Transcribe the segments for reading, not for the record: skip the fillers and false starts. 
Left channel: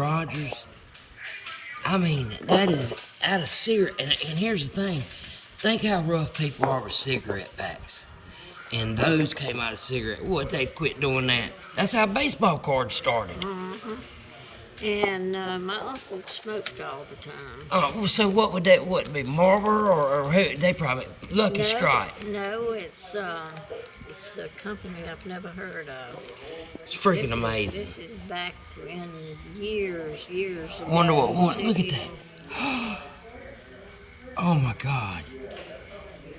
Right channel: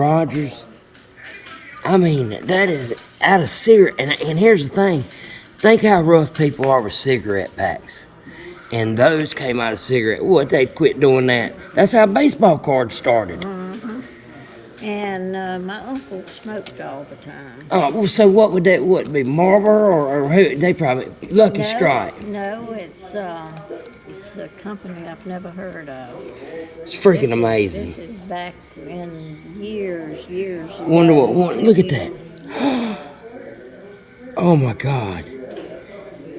Rogers. I mean, that is out of cigarette. And here's the thing. Think how rough people are with cigarette packs. And those came out of cigarette. What, they'd quit doing that. That's how baseball cards started. And my uncle smoked all the time. Oh, well, so what would that be? Marlboro or who? They probably Lucky Strike. No, it's a company I've never heard of. It's freaking amazing. This is back in years ago. Wonder what one. Look at that. Oh my God.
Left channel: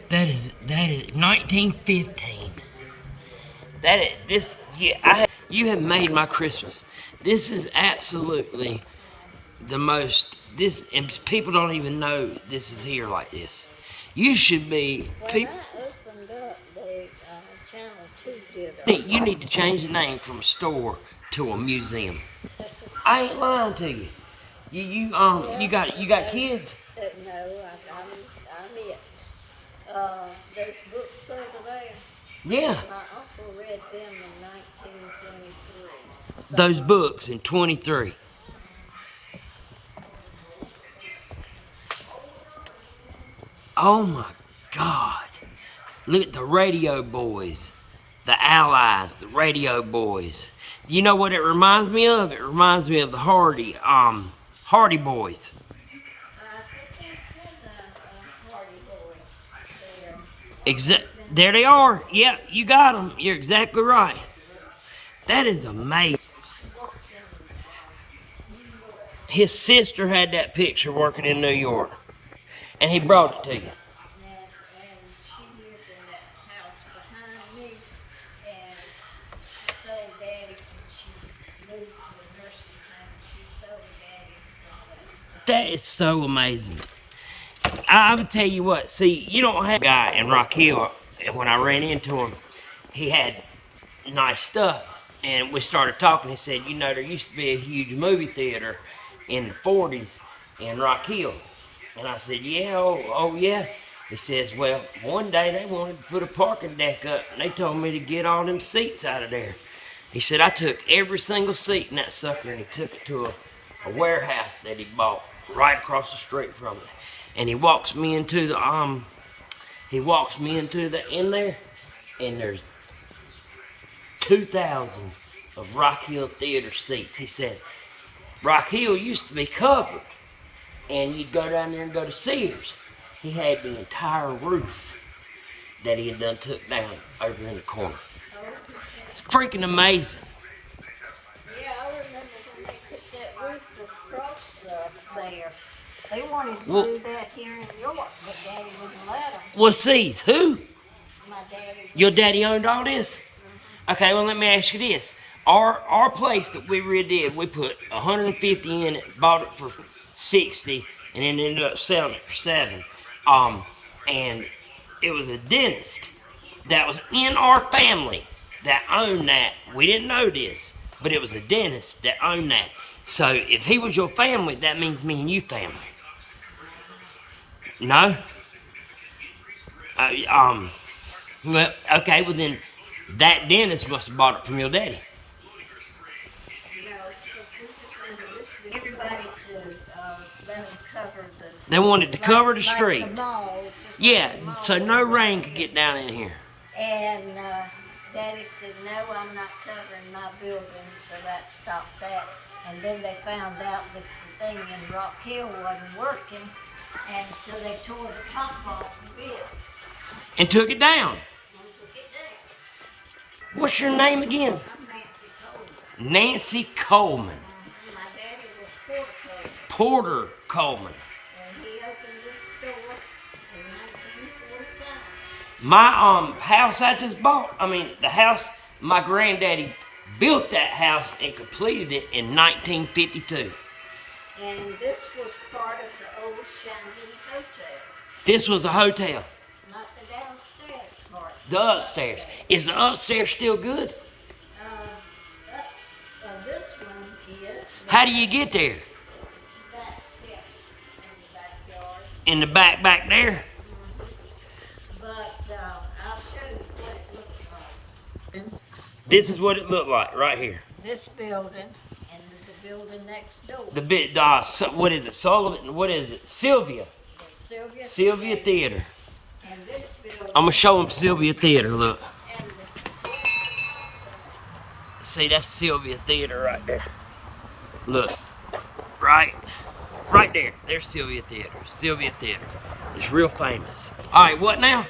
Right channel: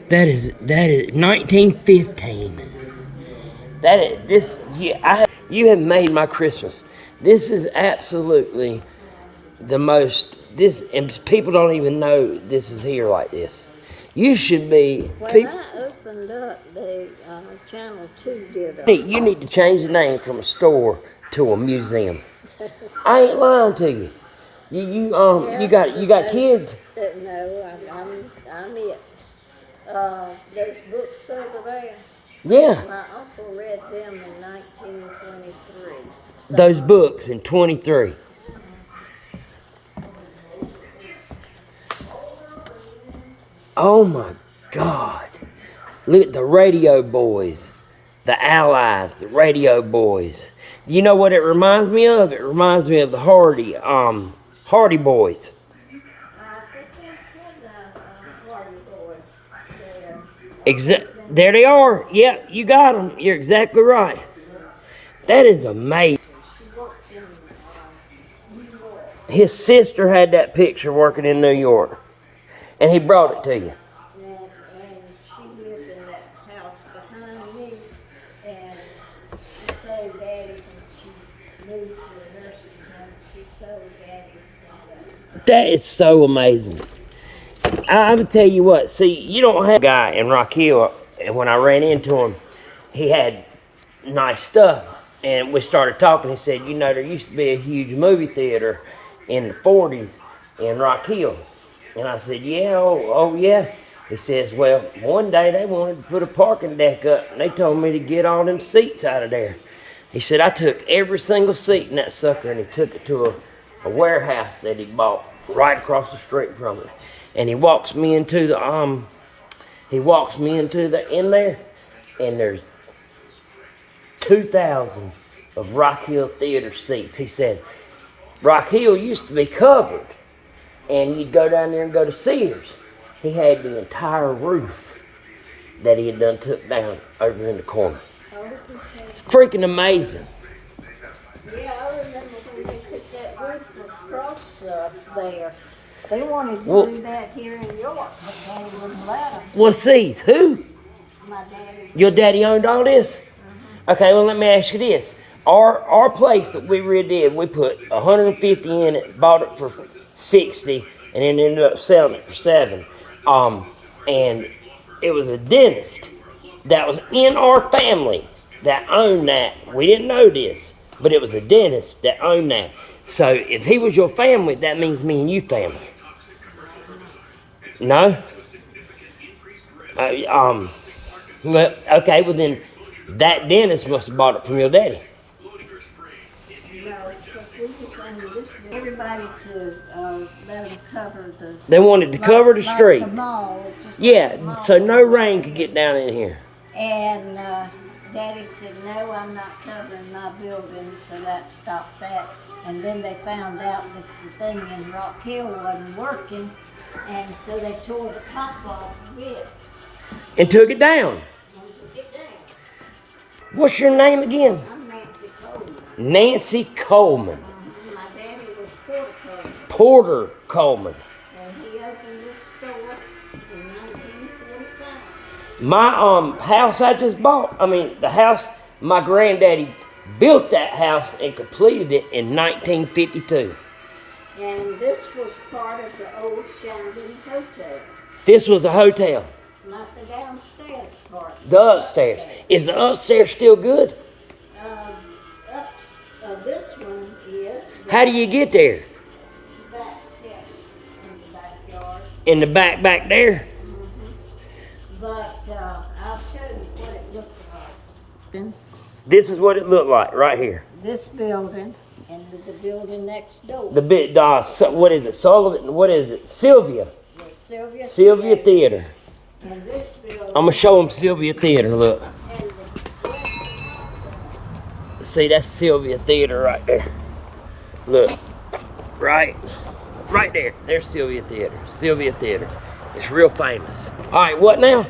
That is 1915. You have made my Christmas. This is absolutely the most. And people don't even know this is here like this. You should be. When I opened up the Channel 2 did. You need to change the name from a store to a museum. I ain't lying to you. You got kids. No, I'm it. There's books over there. Yeah. My uncle read them in 1923. Those books in 23. Oh my God. Look at the Radio Boys. The Allies, the Radio Boys. You know what it reminds me of? It reminds me of the Hardy Boys. There they are. Yep, you got them. You're exactly right. That is amazing. His sister had that picture working in New York, and he brought it to you. And she lived in that house behind me, and she sold Daddy when she moved to a nursing home. She sold Daddy some. That is so amazing. I'm gonna tell you what. See, you don't have a guy in Rock Hill, and when I ran into him, he had nice stuff, and we started talking. He said, "You know, there used to be a huge movie theater in the 40s in Rock Hill." And I said, "Yeah, oh yeah." He says, "Well, one day they wanted to put a parking deck up, and they told me to get all them seats out of there." He said, "I took every single seat in that sucker, and he took it to a warehouse that he bought right across the street from it." And he walks me into the in there, and there's 2,000 of Rock Hill Theater seats. He said, Rock Hill used to be covered, and you'd go down there and go to Sears. He had the entire roof that he had done took down over in the corner. It's freaking amazing. Yeah, I remember when they put that roof across there. They wanted to do that here in York, but Daddy wouldn't let them. Well, see, who? My daddy. Your daddy owned all this? Mm-hmm. Okay, well, let me ask you this. Our place that we redid, we put 150 in it, bought it for 60, and then ended up selling it for 7. And it was a dentist that was in our family that owned that. We didn't know this, but it was a dentist that owned that. So if he was your family, that means me and you family. No? Okay, well then, that dentist must have bought it from your daddy. No, because we just owned this building. Everybody to let them cover the. They wanted to cover the street. The mall, yeah, so no rain could get down in here. And Daddy said, "No, I'm not covering my building," so that stopped that. And then they found out that the thing in Rock Hill wasn't working, and so they tore the top off of it. And took it down. And took it down. What's your name again? I'm Nancy Coleman. Nancy Coleman. My daddy was Porter Coleman. Porter Coleman. And he opened this store in 1945. My house I just bought, the house my granddaddy built that house and completed it in 1952. And this was part of the old Shandon Hotel. This was a hotel. Not the downstairs part. The upstairs. Is the upstairs still good? This one is. How do you get there? Back steps in the backyard. In the back there? Mm-hmm. But I'll show you what it looked like. This is what it looked like right here. This building in the building next door. The bit, what is it, Sullivan, what is it, Sylvia. The Sylvia Theater. And this building. I'm gonna show them Sylvia Theater, look. And See, that's Sylvia Theater right there. Look, right there. There's Sylvia Theater. Sylvia Theater. It's real famous. All right, what now? all right.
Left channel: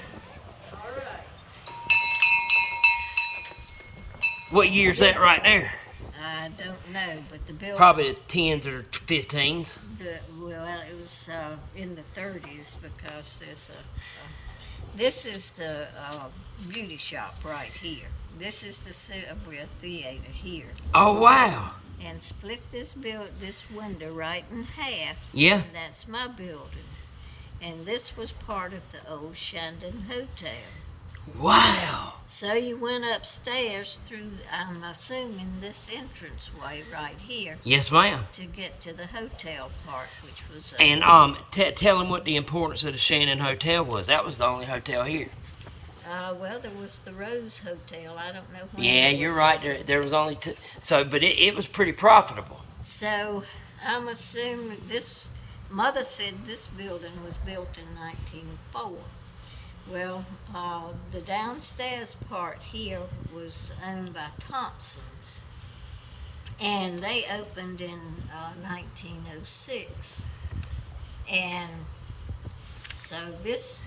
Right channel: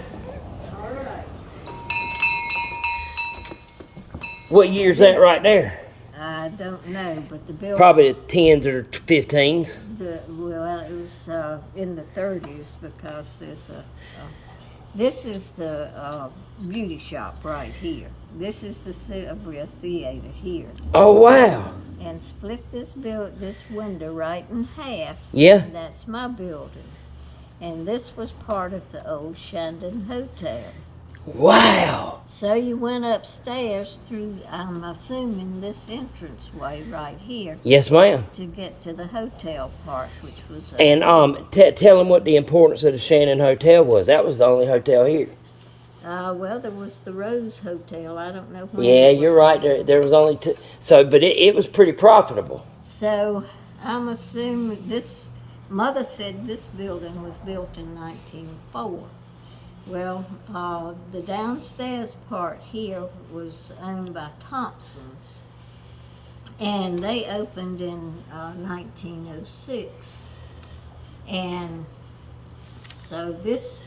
What year's that right there? I don't know, but the building. Probably the 10s or 15s. Well, it was in the 30s because this is the beauty shop right here. This is the Sylvia Theater here. Oh, wow. And split this window right in half. Yeah. And that's my building. And this was part of the old Shandon Hotel. Wow. So you went upstairs through, I'm assuming, this entranceway right here Yes, ma'am. to get to the hotel part, which was. And tell them what the importance of the Shannon Hotel was. That was the only hotel here. Well, there was the Rose Hotel. I don't know when. Yeah, it you're was. right. There was only two. So, but it was pretty profitable. So I'm assuming this. Mother said this building was built in 1904. Well, the downstairs part here was owned by Thompson's, and they opened in 1906. And so this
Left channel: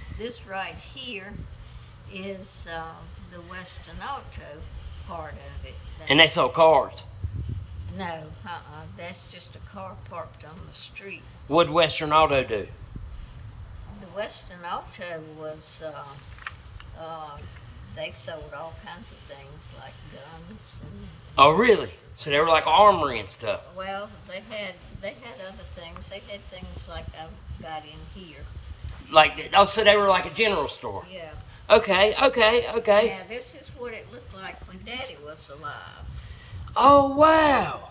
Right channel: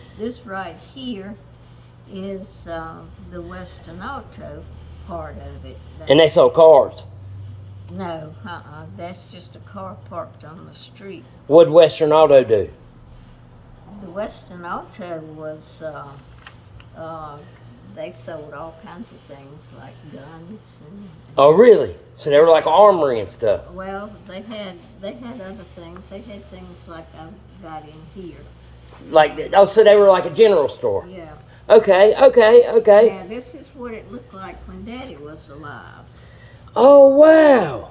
right here is the Western Auto part of it. And they sold cars. No, that's just a car parked on the street. What'd Western Auto do? The Western Auto was, they sold all kinds of things like guns and, Oh, really? So they were like armory and stuff. well, they had other things. They had things like I've got in here. So they were like a general store. Yeah. Okay. Yeah, this is what it looked like when Daddy was alive. Oh, wow.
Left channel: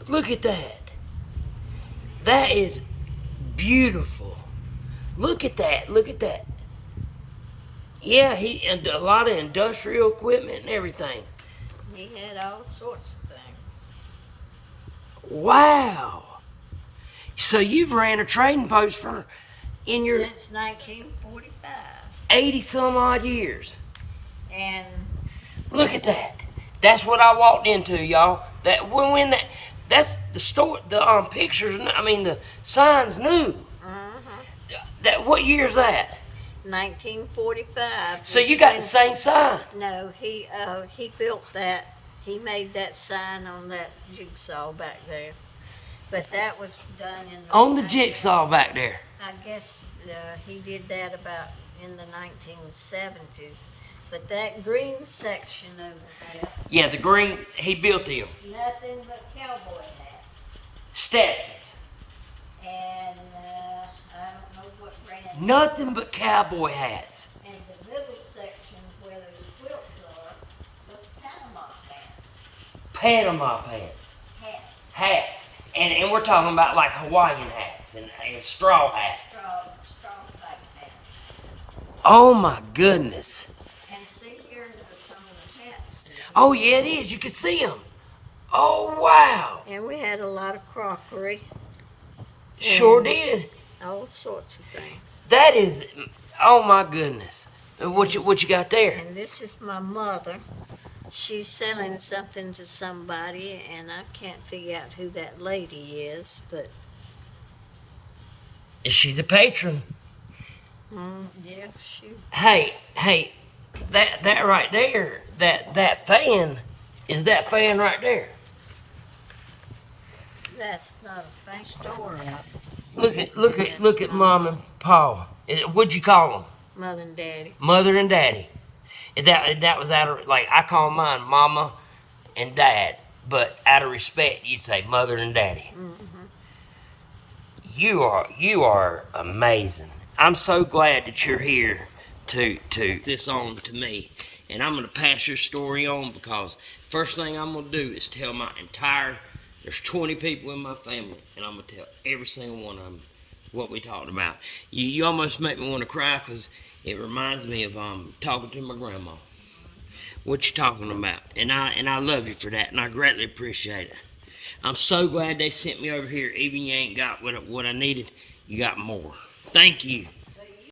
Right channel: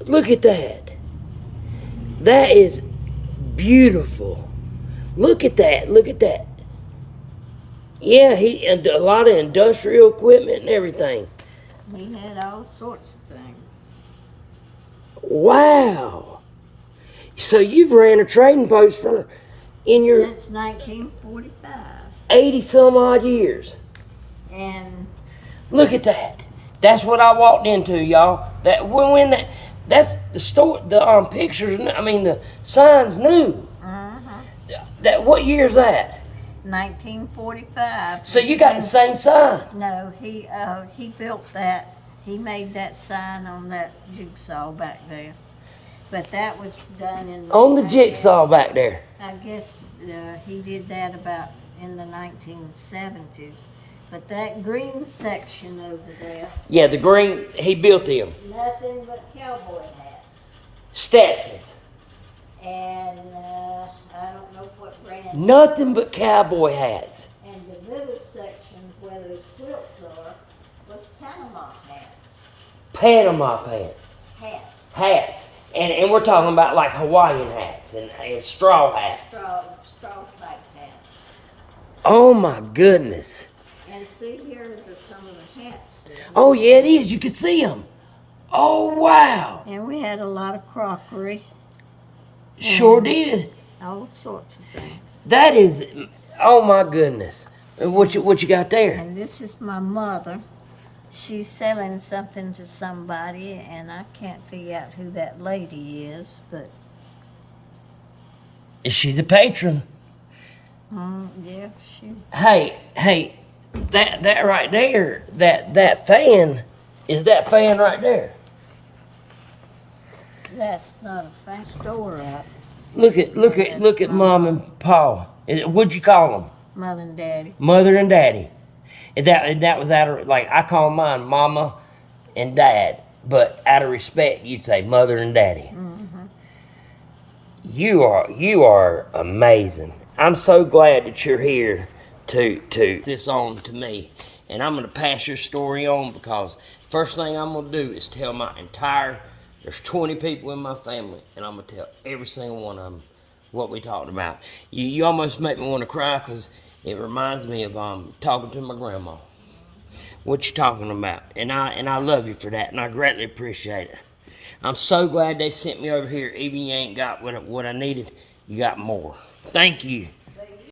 Look at that. That is beautiful. Look at that. Yeah, and a lot of industrial equipment and everything. He had all sorts of things. Wow. So you've ran a trading post in your Since 1945. 80 some odd years. And Look at that. That's what I walked into, y'all. That's the store, the pictures, I mean the signs new. That what year's that? 1945. So you got the same sign. No, he built that. He made that sign on that jigsaw back there. But that was done in On the I jigsaw back there. I guess he did that about in the 1970s. But that green section over there, Yeah, the green, he built them. nothing but cowboy hats. Stetsons. And I don't know what brand. Nothing but cowboy hats. And the middle section where those quilts are was Panama hats. Panama pants. Hats. And we're talking about like Hawaiian hats and straw hats. Straw pipe hats. Oh my goodness. And see here are some of the hats. Oh yeah, it is. You can see them. Oh wow. And we had a lot of crockery, Sure did. all sorts of things. That is, oh my goodness. What you got there? And this is my mother. She's selling something to somebody, and I can't figure out who that lady is, but She's a patron. yeah, she. Hey, that right there, that fan, is that fan right there? That's not a fan store at Look at Mom and Pa. What'd you call them? Mother and Daddy. Mother and Daddy. And that was out of, like, I call mine Mama and Dad, but out of respect, you'd say Mother and Daddy. You are amazing. I'm so glad that you're here to this on to me, and I'm gonna pass your story on because first thing I'm gonna do is tell my entire. There's 20 people in my family, and I'm gonna tell every single one of them what we talked about. You almost make me want to cry because it reminds me of talking to my grandma. what you're talking about, and I love you for that, and I greatly appreciate it. I'm so glad they sent me over here. Even you ain't got what I needed, you got more. Thank you.